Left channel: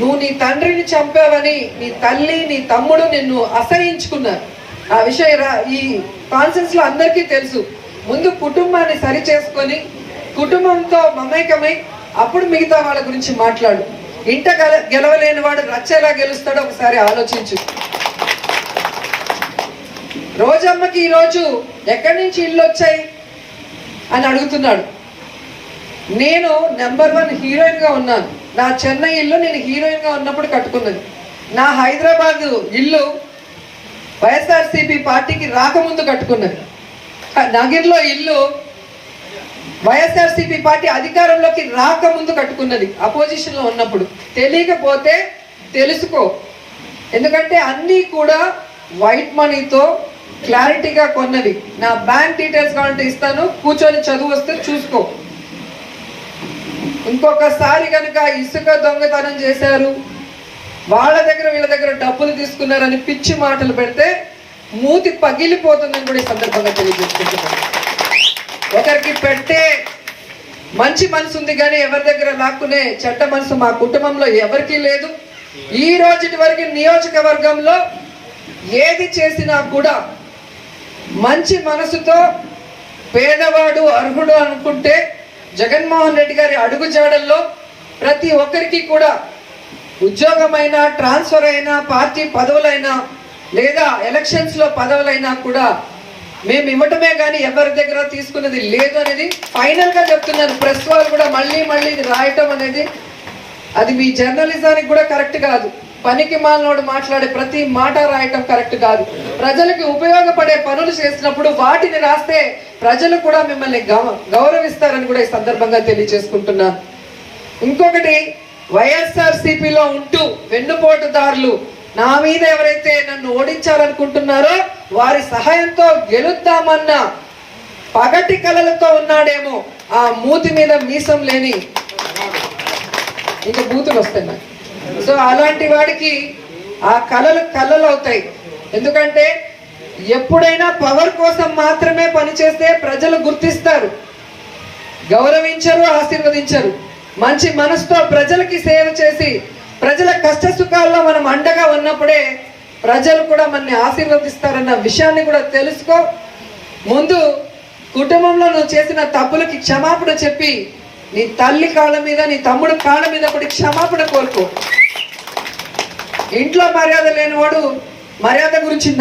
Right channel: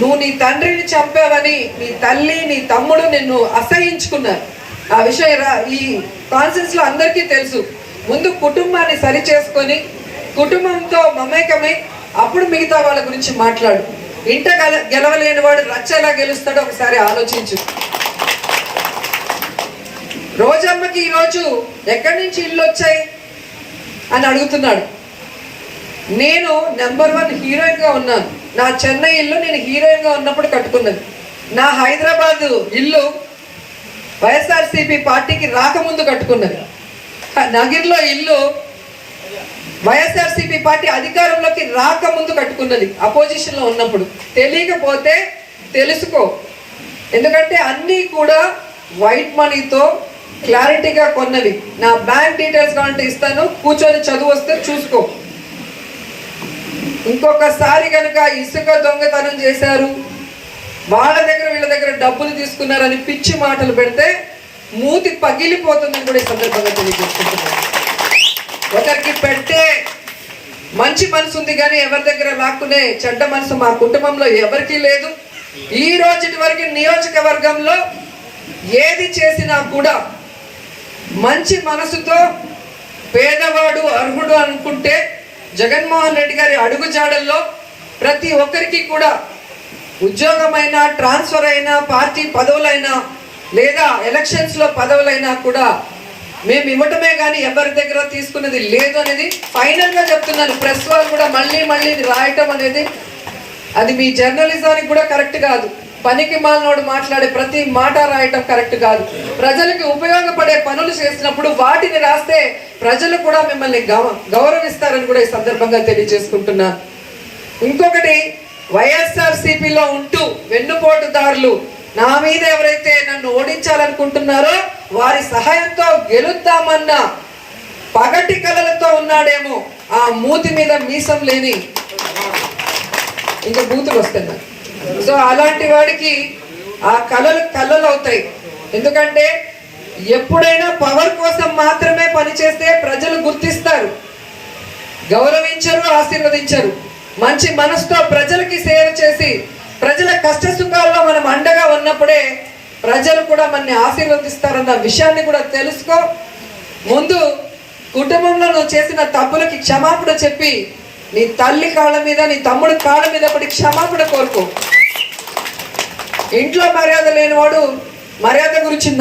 నువ్వు నీ తండ్రిని చంపావని నీ తల్లి నీ తమ్ముడు నిన్ను అసహించుకున్నారు. ఆ విషయం రా- ఈ కాన్సెన్స్లో అందరికీ తెలుసు. ముందు కుటుంబాన్ని సరి చేసుకొని కుటుంబంతో మమేకమై అప్పుడు మిగతా వాళ్ళ గురించి మాట్లాడు. ఇంట గెల గెలవలేని వాడు రచ్చలా గెలుస్తాడో ఒకసారి ఆలోచించు. రోజమ్మకి ఈరోజు ఎక్కడి నుంచి ఇల్లు వచ్చాయి? అని అడుగుతున్నాడు. నేను నెంబర్ వన్ హీరోయిన్గా ఉన్నాను. నా చెన్నై ఇల్లు నేను హీరోయిన్గా ఉన్నప్పుడు కట్టుకున్నది. నా హైదరాబాద్ ఇల్లు వైఎస్ఆర్సీపీ పార్టీకి రాకముందు కట్టుకున్నది. నగిర్లో ఇల్లు వైఎస్ఆర్సీపీ పార్టీ అధికారంలోకి రాకముందు కట్టుకున్నది. అపోజిషన్లో ఉన్నప్పుడు. తెలియకపోతే తెలుసుకో. ఎందుకంటే అన్నీ కూడా వైట్ మనీతో క్లారిటీగా కొన్నవి. నా బ్యాంక్ డీటెయిల్స్ కావాలంటే ఇస్తాను. కూర్చొని చదువు వస్తే చూసుకో. ఇంకొకసారి కనుక ఇసుక దొంగతనం చేశారు వాళ్ళ దగ్గర వీళ్ళ దగ్గర డబ్బులు తీసుకున్నారని పిచ్చి మాటలు పెడితే మూతి పగిలిపోతుందని కూడా ఈ సందర్భంగా తెలియజేసుకుంటున్నాను. ఒకరికి పెట్టే మంచి మనసు ఉంది కానీ ఎవరి దగ్గర లాక్కునే చెడ్డ మనసు మా కుటుంబంలో ఎవరికీ లేదు. ఈ రోజుటి వరకు నియోజకవర్గంలో ఏది చేసినా కూడా మంచి మనసుతో పేదవాడు అర్హుడు అనుకుంటే జగన్మోహన్ రెడ్డి గారి అడుగుజాడల్లో ప్రతి ఒక్కరికి కూడా ఉద్యోగమైనా ట్రాన్స్ఫర్ అయినా పార్టీ పదవులైనా లేదా ఎలక్షన్స్లో పదవులైనా కూడా మేము ఇవ్వటమే కానీ ఎవరి దగ్గర తీసుకున్నది లేదు అనేది ఫైనల్గా చెప్తున్నాను. ప్రెస్ వాళ్ళు కూడా మళ్ళీ మళ్ళీ రాయటం అనేది అది మీ జర్నలిజానికి కూడా కరెక్ట్ కాదు. పనికి మాలనోడు మాట్లాడే ప్రతి మాట రాయటం కరెక్ట్ కాదు. ప్రజలకు ఉపయోగపడే పనులు చేసినప్పుడు వాటిని రాస్తే ప్రజలు కూడా మిమ్మల్ని గౌరవిస్తారని కూడా ఈ సందర్భంగా తెలియజేసుకుంటున్నాను. ఇంకొకటి వైఎస్ఆర్ సిపిలో ఉంటూ వెన్నుపోటుదారులు నా మీద ఎవరైతే నన్ను ఓడించాలనుకుంటున్నారో వారి సహాయంతో గెలుద్దామన్న పగటి కలలతో ఉన్నాడేమో ఆ మూతి మీద మీసం లేని ఇంకా బూతులు వస్తాయి నాకు సో అలాంటి వాడికి ఆ కళలు కళలు అవుతాయి. ఎందుకంటే ఎప్పుడైనా పవర్ కోసం మాత్రమే పనిచేస్తే ప్రజలు గుర్తిస్తారు. గౌరవించరు ఆశీర్వదించరు. మంచి మనసుతో ప్రజలకి సేవ చేసి ప్రజల కష్ట సుఖాల్లో మనం అండగా ఉన్నప్పుడే ప్రజలు కూడా మనల్ని ఆశీర్వదిస్తారన్న విషయాన్ని కూడా తెలుసుకో. ముందు కుటుంబంలో నువ్వు చేసిన తప్పులకి క్షమాపణ చెప్పి నీ తల్లి కాళ్ళ మీద నీ తమ్ముడు కాళ్ళ మీద పడి క్షమాపణ కోరుకో. ఇంట్లో మర్యాద లేనివాడు మర్యాద గురించి